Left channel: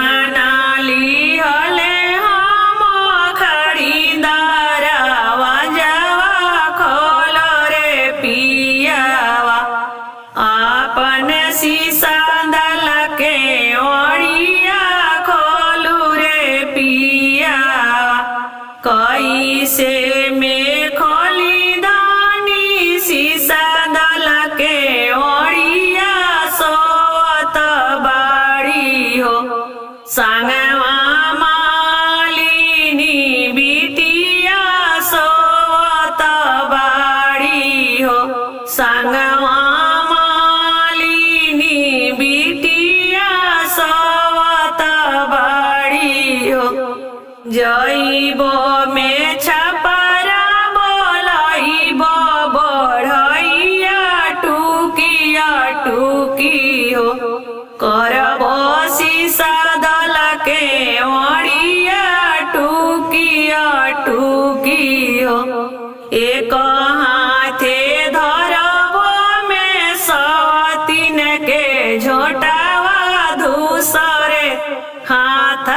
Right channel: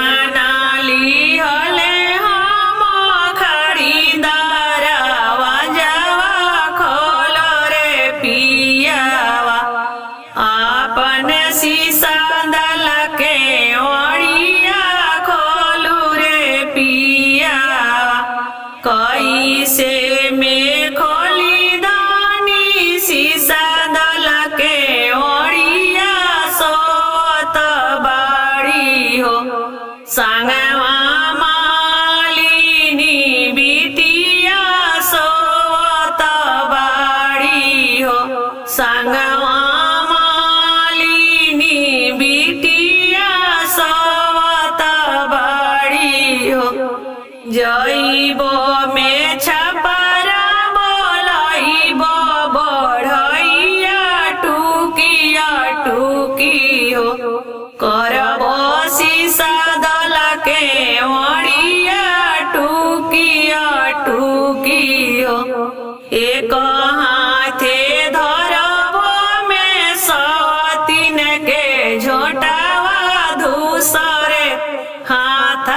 जेवानाली हले हम खरीदारवा जावा खोलो रे पियावा आपन शीशा दल के ओढ़िया खोलू रे पियावा कैसे में खोली दानी शीशा दल के ओढ़िया सोवत बाड़ी हो संगवा मालिनी बिटिया सोवत बाड़ी हो संगवा मालिनी बिटिया सोवत बाड़ी हो जइबो में छपरा बोलइबो बढ़इया टुकिया टुकी हो करबो शीशा दल के ओढ़िया टुकिया टुकी हो एक हाथे धरबो में सवतीन के झोटावा दूसरे हाथ